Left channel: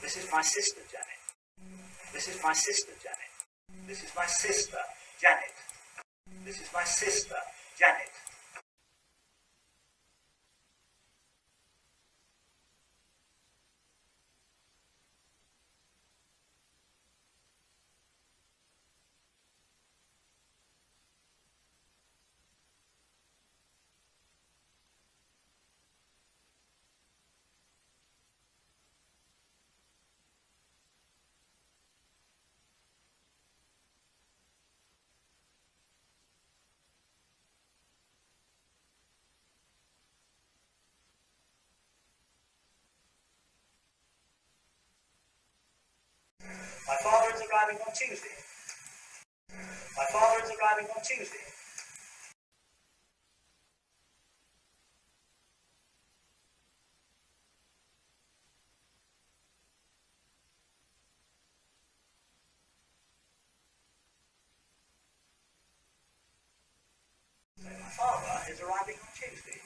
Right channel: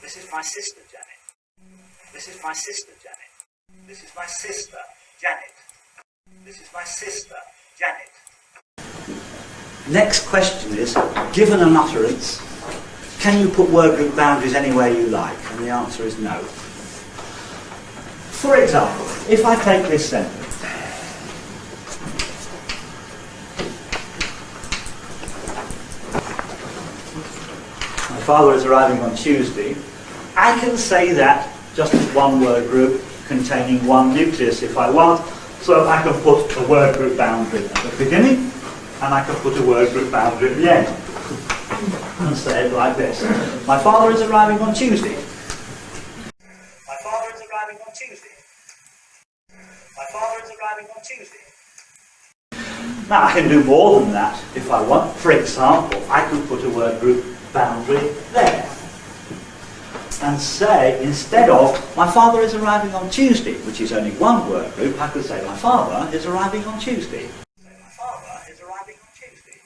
This is my sister, Janet. This is my sister, Janet. This is my sister, Janet. This is my sister, Janet. Next question is, given an utterance, can you put word group boundaries anywhere you like? And the answer is no. For example, if I take this sentence, my father is arriving on Tuesday, I can say that just as one word group containing one nucleus if I want. So I can put a word group boundary at the beginning, and I can put a word group boundary at the end. And say it like this. My father is arriving on Tuesday. My father is arriving on Tuesday. My father is arriving on Tuesday. Now I can do more than that if I want. For example, I could put a word group boundary there. And say, instead of, my father is arriving on Tuesday, which is only one word group, I could say, my father is arriving on Tuesday. Say, my father is arriving on Tuesday.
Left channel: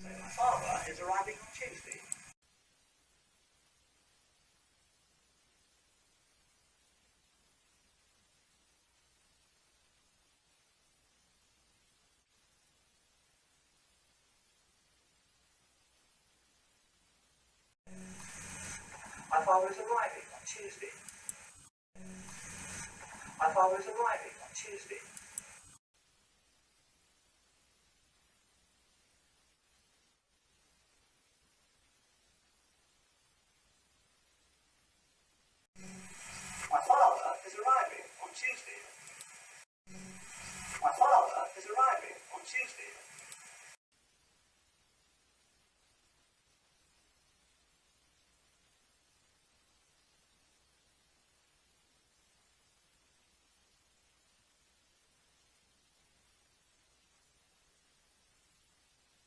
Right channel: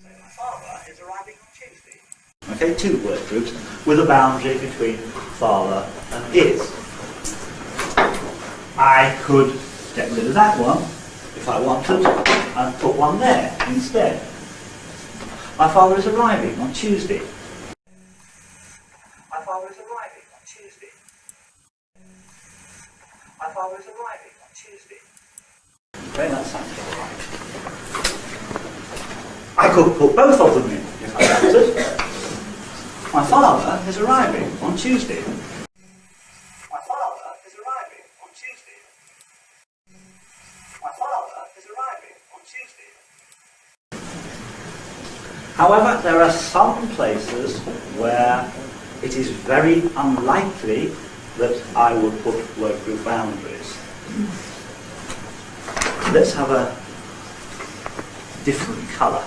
Say, my father is arriving on Tuesday. Okay, two word groups with a boundary between father and is. I could get rid of that one, if I wanted, and put one there instead. My father is arriving on Tuesday. My father is arriving on Tuesday. My father is arriving on Tuesday. Okay, that sounds all right. I could put both of them in if I wanted. My father is arriving on Tuesday. My father is arriving on Tuesday. My father is arriving on Tuesday. However, there are some places where it is very unlikely that I would put word group boundaries. Let's have a different colour.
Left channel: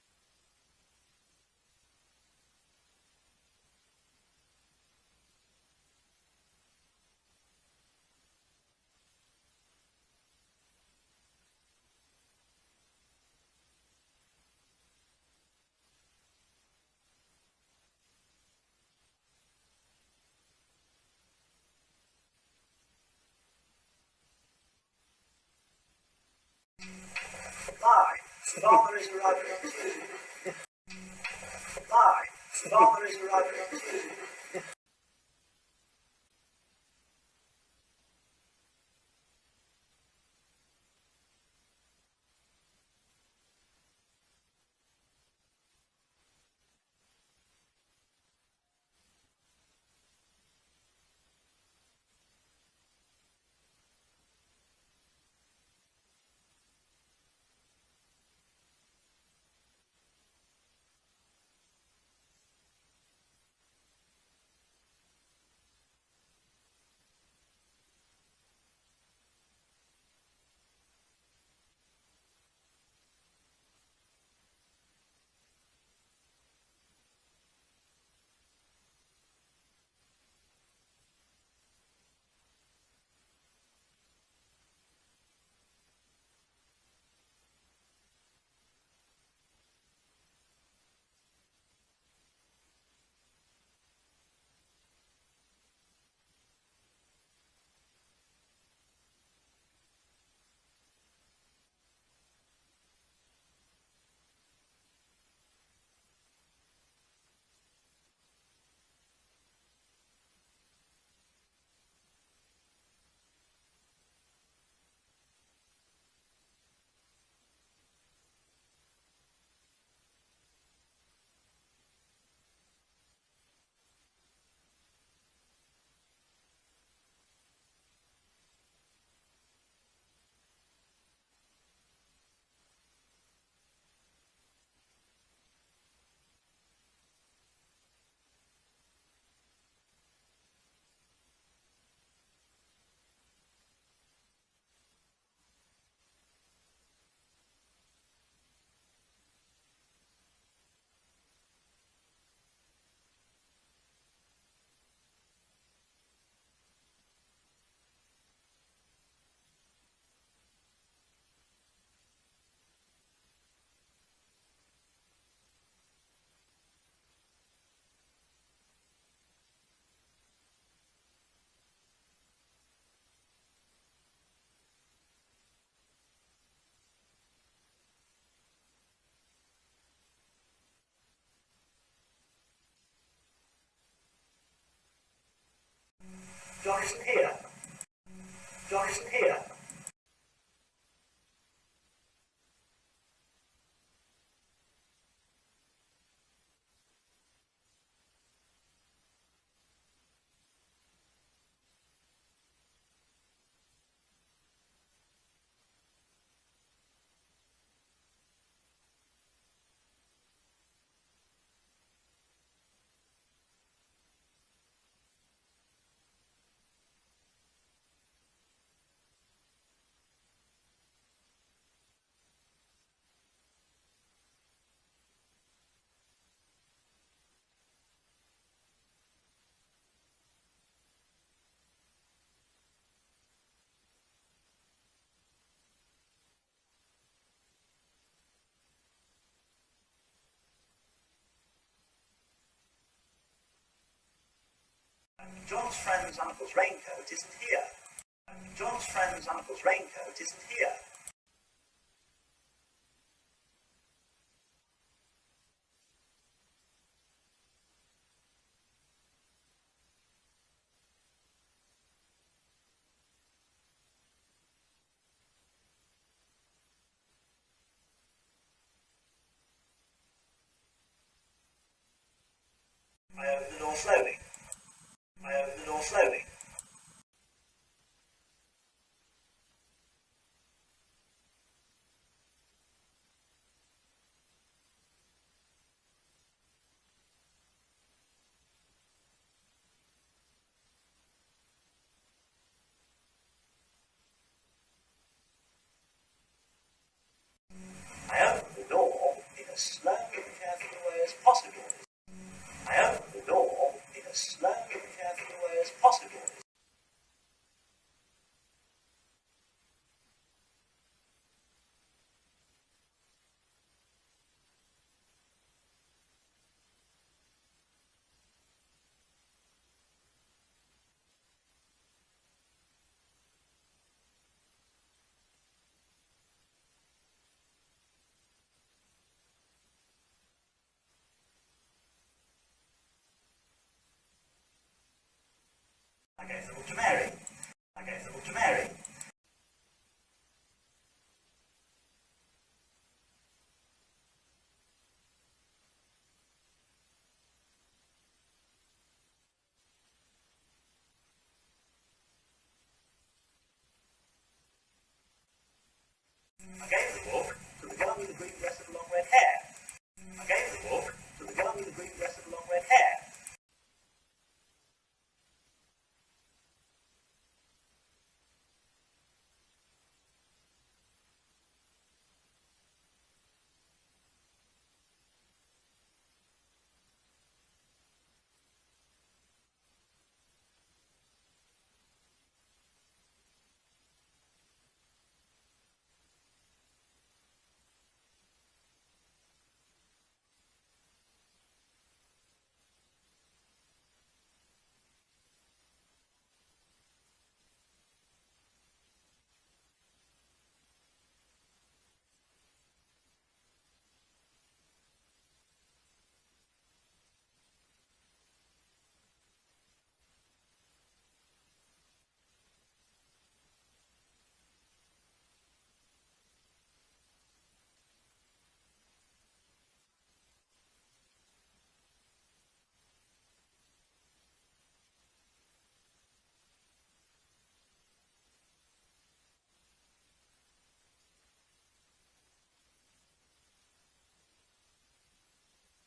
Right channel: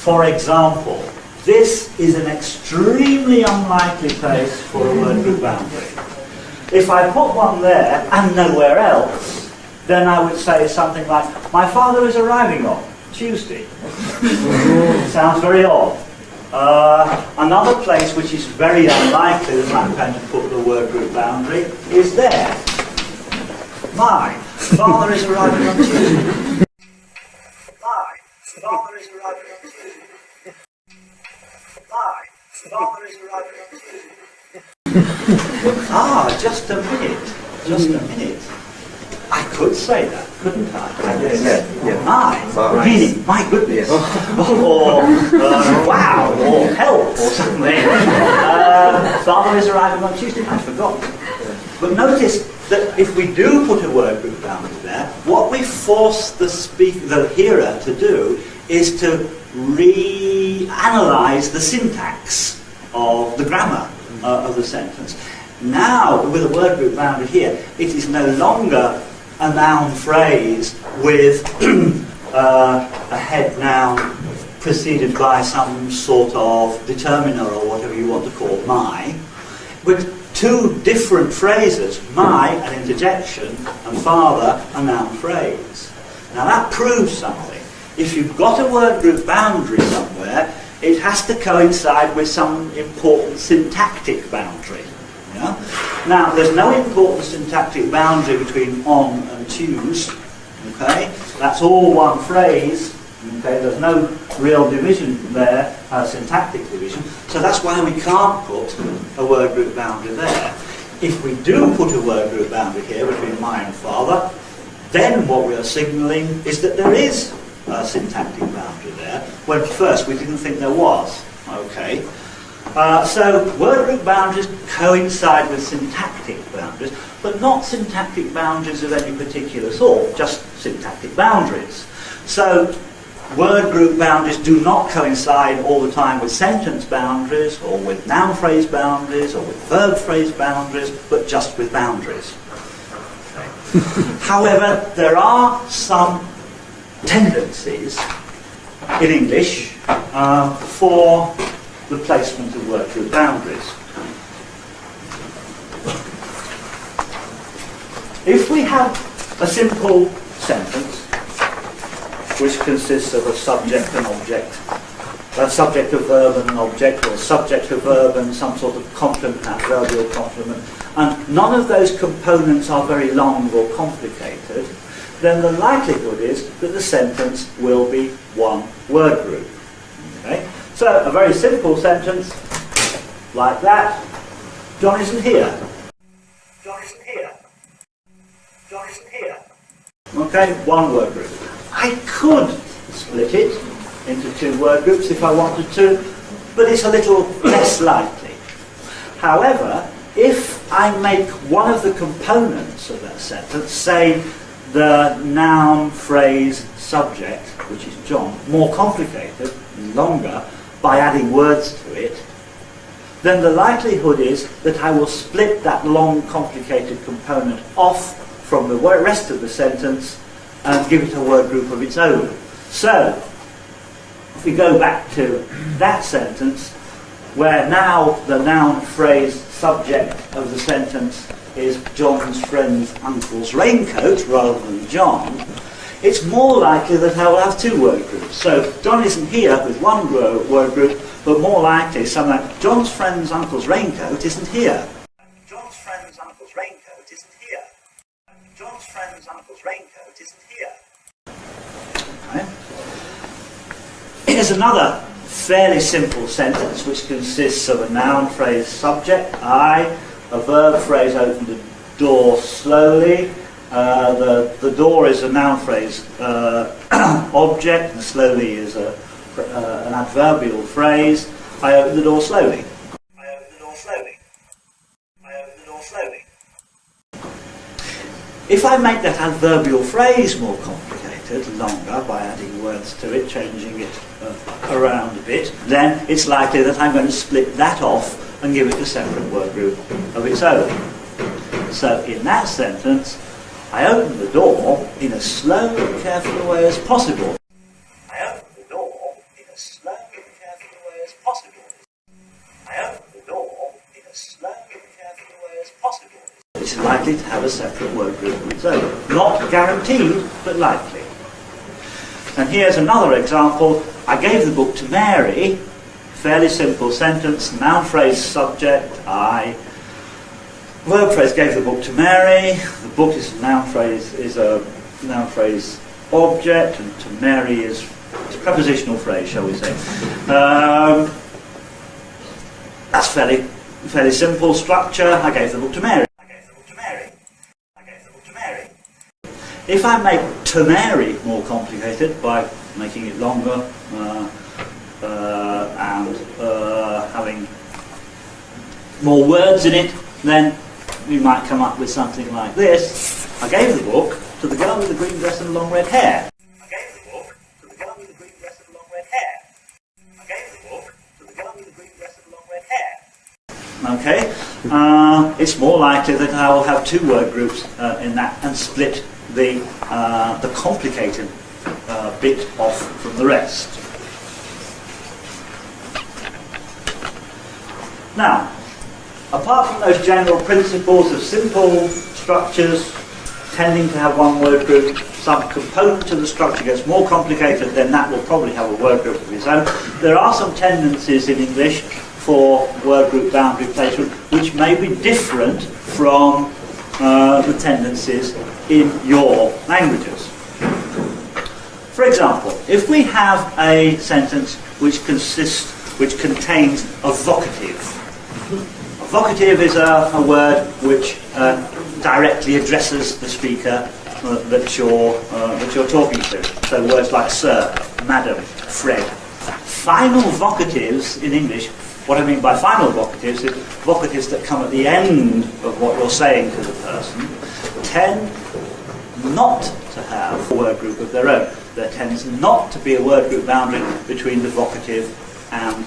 For example, this is an extremely unlikely place for a word group boundary. If I put one there and nowhere else, then I would say something like, my father is arriving on Tuesday. Sounds very odd. Another place which is very unlikely that I'm going to put the word group boundary is there. My father is arriving on Tuesday. My father is arriving on Tuesday. My father is arriving on Tuesday. Ah, just a minute. Just a minute. I could say that, couldn't I? My, meaning, my goodness, or wow, or help, or something. Father is arriving on Tuesday, I'd forgotten. But notice that if we do put a word group boundary there, what we force the hearer to do is to reanalyze the syntax of the grammar of the sentence. Now, with a word group boundary here, it is no longer a noun phrase with a head noun preceded by some sort of determiner or whatever you want to call my, with two different phrases, my, an interjection, and father, a noun phrase. Now that proves something. If you've got a word group boundary somewhere, it has to coincide with some important syntactic boundary. Yeah? Now, there's no important syntactic boundary between on and choose. Okay? That's all one phrase. Okay? There's no real division there, syntactic division. So that's why we can't put a word group boundary there. If we do put a word group boundary here between my and father, then what we are signalling is that there is a syntactic boundary there, when first we didn't think there was. Okay? So word group boundaries coincide with syntactic boundaries, but not syntactic boundaries of any particular sort, just syntactic boundaries. So word group boundaries do not coincide all the time with sentence boundaries, or with noun phrase boundaries, or with verb phrase boundaries, but just with boundaries. Okay. However, there are some tendencies in English for the placement of word group boundaries. If we have a simple sentence which consists of a subject and object a subject, a verb and an object, or subject, a verb and some sort of complement, adverbial complement, and none of those components are very long or complicated, then the likelihood is that the sentence will be one word group. Okay? So a very simple sentence like that. John isn't here. John isn't here. John isn't here. Okay, one word group. I could split it into two word groups if I wanted to, but it's a little less likely. However, if I make one of the components of that sentence, say the noun, phrase, subject, which is John, more complicated, longer, by adding words to it, then the likelihood is that I will split that long, complicated component off from the rest of the sentence and give it a word group of its own. So, if we go back to that sentence, where now the noun, phrase, subject of the sentence is John's friend's uncle's raincoat rather than John, it's more likely that I will have two word groups. So John isn't here with one word group, but more likely something like John's friend's uncle's raincoat isn't here. John's friend's uncle's raincoat isn't here. John's friend's uncle's raincoat isn't here. Okay. Here's another fairly simple sentence which consists of a noun, phrase, subject, I, a verb, phrase, opened the door slowly. The door is a noun phrase object, and slowly is an adverbial phrase. I opened the door slowly. I opened the door slowly. I opened the door slowly. If I make that adverbial phrase more complicated, longer, by adding words to it, changing it around a bit, then it's likely that I'm going to split that off and give it a separate word group of its own. So in that sentence, I opened the door in as slow and careful a way as possible. I opened the door in as slow and careful a way as possible. I opened the door in as slow and careful a way as possible. It's likely to have a separate word group of its own. Not guaranteed, but likely. And here's another example. I gave the book to Mary. Fairly simple sentence. Noun, phrase, subject, I. Verb phrase, gave the book to Mary. The book is a noun phrase object, and to Mary is a prepositional phrase, shall we say. That's fairly simple structure. I gave the book to Mary. I gave the book to Mary. I gave the book to Mary. If I make to Mary more complicated by making it longer and having more words in it, then we might come up with something like this. I gave the book to the girl with the green dress and long red hair. I gave the book to the girl with the green dress and long red hair. I gave the book to the girl with the green dress and long red hair. Okay, it's more likely that I will have two word groups in that and split the complicated bit off from the rest. Now, apart from those general principles of simple structures tending to have one word group, some component of the structure gets more complicated, then that will probably have a word group of its own. There are some tendencies in English for word group boundary placement which may be different from the tendencies in your languages. For example, if we have a sentence which contains a vocative. A vocative is a word which directly addresses the speaker that you're talking to. So words like sir, madam, Fred. Final vocatives in English, what I mean by final vocatives is vocatives that come at the end of what you're saying to the person, tend not to have a word group of their own. There tends not to be a word group boundary between the vocative and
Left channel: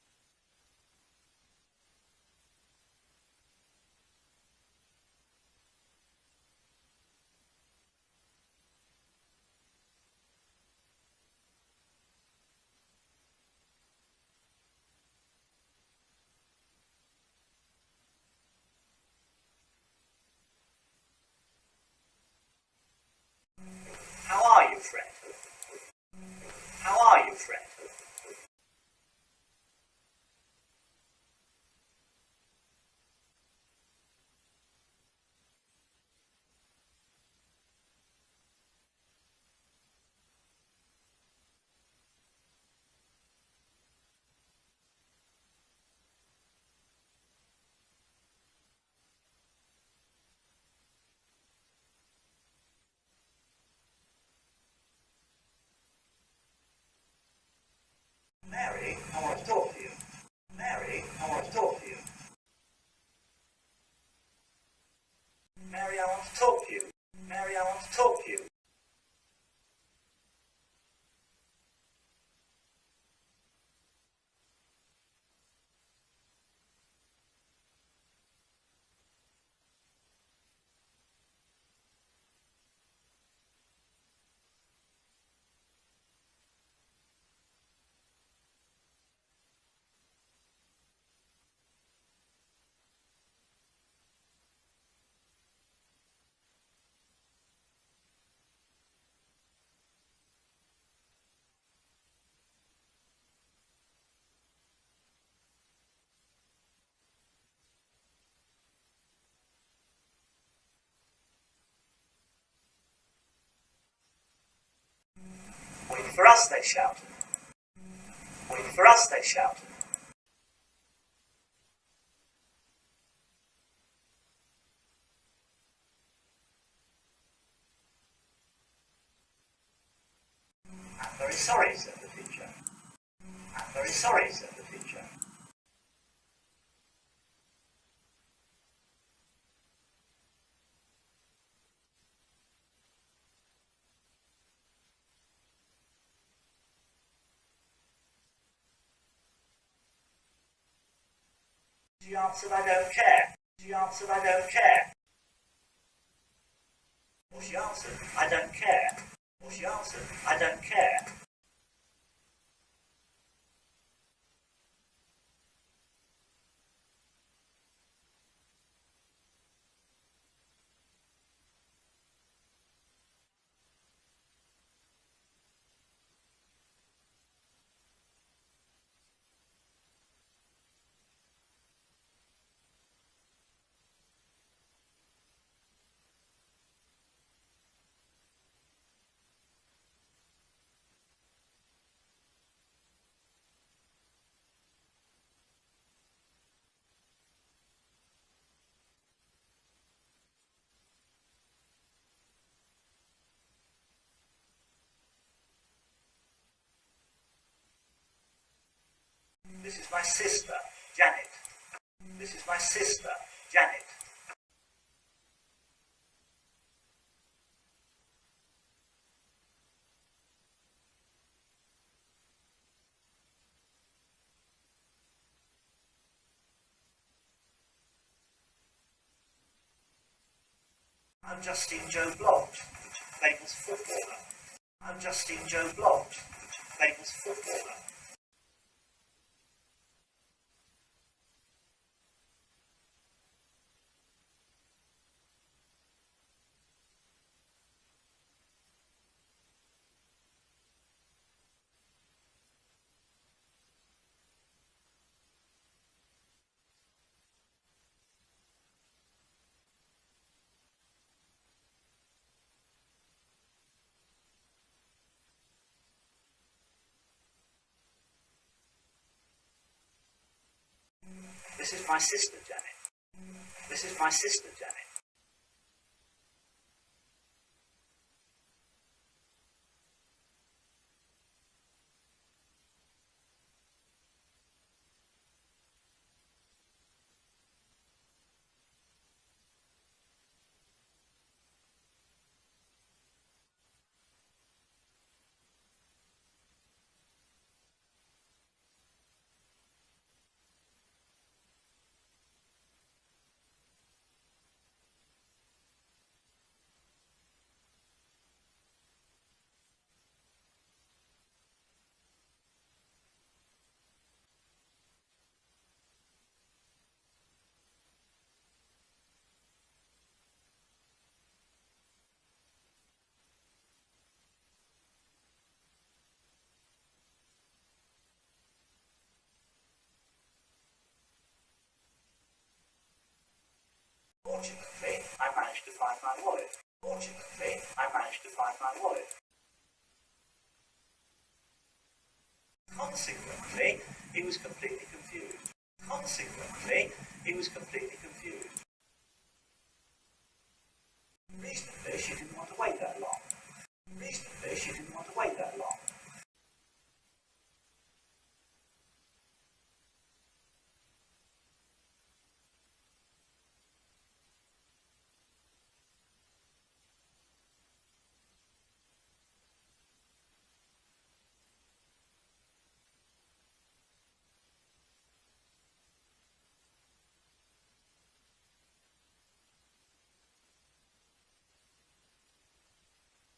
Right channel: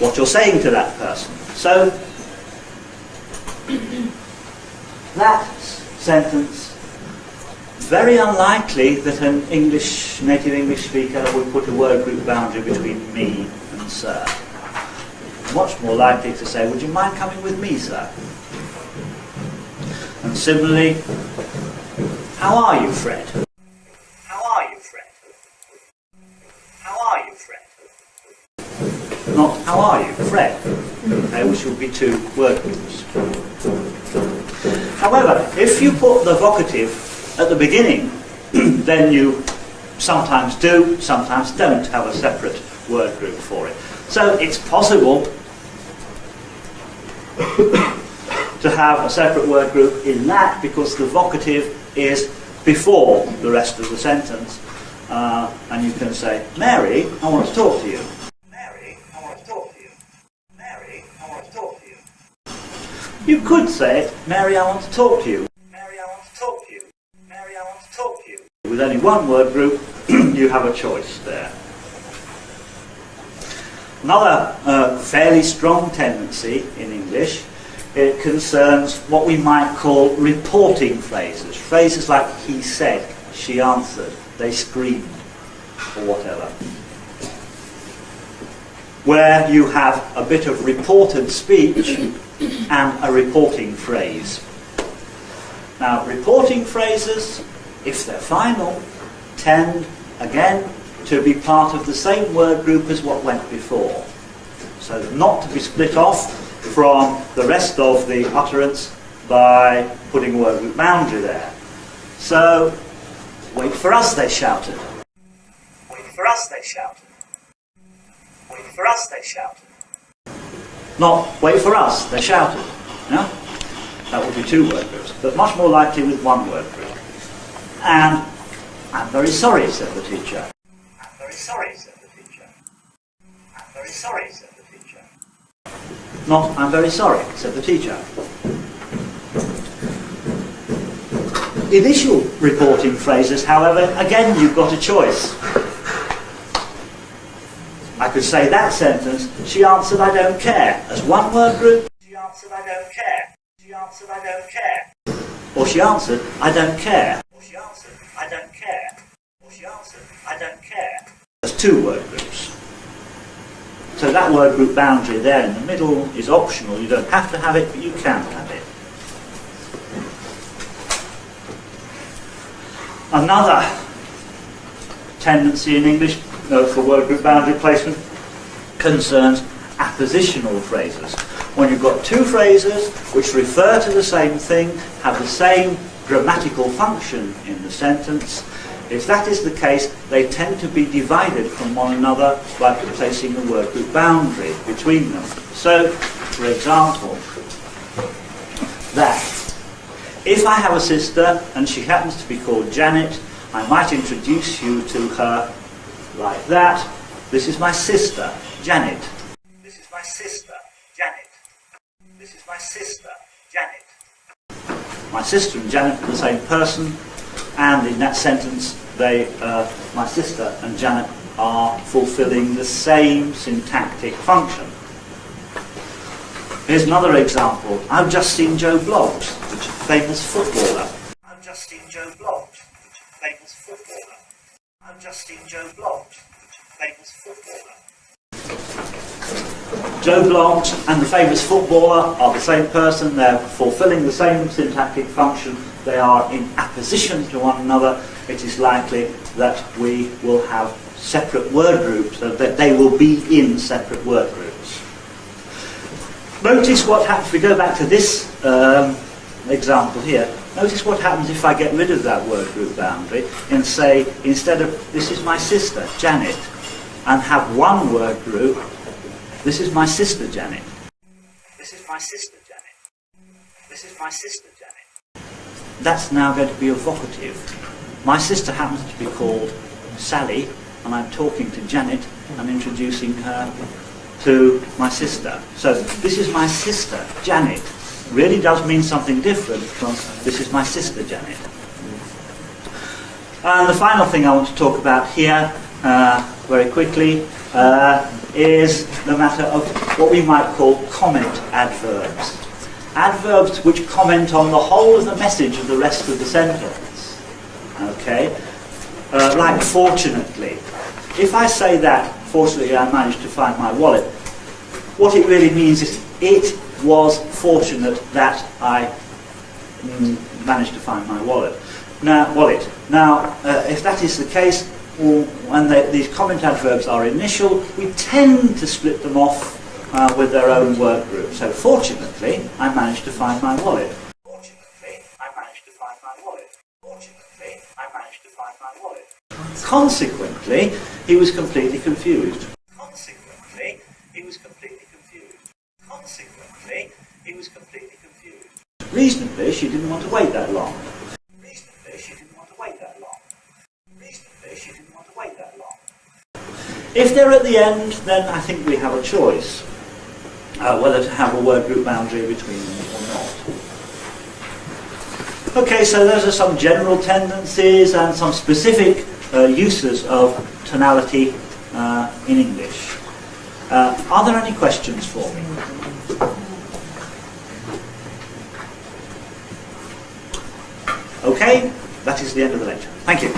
what you're saying to that person. So that sentence, very unlikely that an native English speaker would put a word group boundary between me and sir. Much more likely to say, would you mind coming with me, sir? And similarly, how are you, Fred? How are you, Fred? How are you, Fred? would be two word groups. However, if you put the vocative at the beginning, then you sometimes do, sometimes don't have a separate word group for it. So it's possible to have a separate word group in that because the vocative is before the rest of the sentence. And you can say, Mary, I want to talk to you. Mary, I want to talk to you. Mary, I want to talk to you. You could say, Mary, I want to talk to you. Mary, I want to talk to you. Mary, I want to talk to you. With only one word group, you have a choice there. Another fairly strong tendency in English, it concerns what we might call reporting phrases. Phrases like he said, she answered, they screamed, or whatever. Where you have a bit of reported speech and a reporting phrase. Now, reporting phrases, if they're final, tend, again, to be part of the same word group as what went before. So not to be split off from the rest of the utterance by putting a word group boundary there. So, wait for us, they shouted. Wait for us, they shouted. Wait for us, they shouted. Not wait for us, they shouted. No? That would be two word groups, but much more likely with one word group. And I'm very sorry, said the teacher. I'm very sorry, said the teacher. I'm very sorry, said the teacher. Not I'm very sorry, said the teacher. Initial reporting phrases, however, again you've got a choice. I could say that sentence, she answered I don't care, as one word group. She answered I don't care. She answered I don't care. Or she answered I don't care. Or she answered I don't care. Or she answered I don't care. As two word groups. So that word group boundary there in the middle is optional. You don't have to have it, but you can have it. Another tendency in English for word group boundary placement concerns appositional phrases. When you've got two phrases which refer to the same thing, have the same grammatical function in the sentence, if that is the case, they tend to be divided from one another by placing a word group boundary between them. So, for example, that if I have a sister and she happens to be called Janet, I might introduce you to her like that. This is my sister, Janet. This is my sister, Janet. This is my sister, Janet. My sister and Janet are the same person, and in that sentence, my sister and Janet are fulfilling the same syntactic function. Here's another example. I've just seen Joe Bloggs, which is a famous footballer. I've just seen Joe Bloggs, which is a famous footballer. I've just seen Joe Bloggs, which is a famous footballer. Joe Bloggs and the famous footballer are the same person. They're fulfilling the same syntactic function. They are in apposition to one another. It is likely that we will have separate word groups, so that they will be in separate word groups. Notice what happens, if we go back to this example here, notice what happens if I get rid of that word group boundary and say, instead of, this is my sister, Janet, and have one word group, this is my sister, Janet. This is my sister, Janet. This is my sister, Janet. That's now going to be a vocative. My sister happens to be called Sally, and I'm talking to Janet and introducing her to my sister. So this is my sister, Janet. Really does mean something different from this is my sister, Janet. And the final thing I want to talk about here, very quickly, is the matter of what we might call comment adverbs. Adverbs which comment on the whole of the message of the rest of the sentence. Okay? Like fortunately. If I say that, fortunately I managed to find my wallet, what it really means is it was fortunate that I managed to find my wallet. Now, if that is the case, when these comment adverbs are initial, we tend to split them off with their own word group. So fortunately, I managed to find my wallet. Fortunately, I managed to find my wallet. Fortunately, I managed to find my wallet. Consequently, he was completely confused. Consequently, he was completely confused. Consequently, he was completely confused. Reasonably, she didn't want to wait that long. Reasonably, she didn't want to wait that long. Reasonably, she didn't want to wait that long. If they're at the end, then I think we have a choice whether to have a word group boundary between them or not. Okay, so those are some general tendencies and some specific uses of tonality in English. Are there any questions for me? Okay, that is the end of the lecture. Thank you.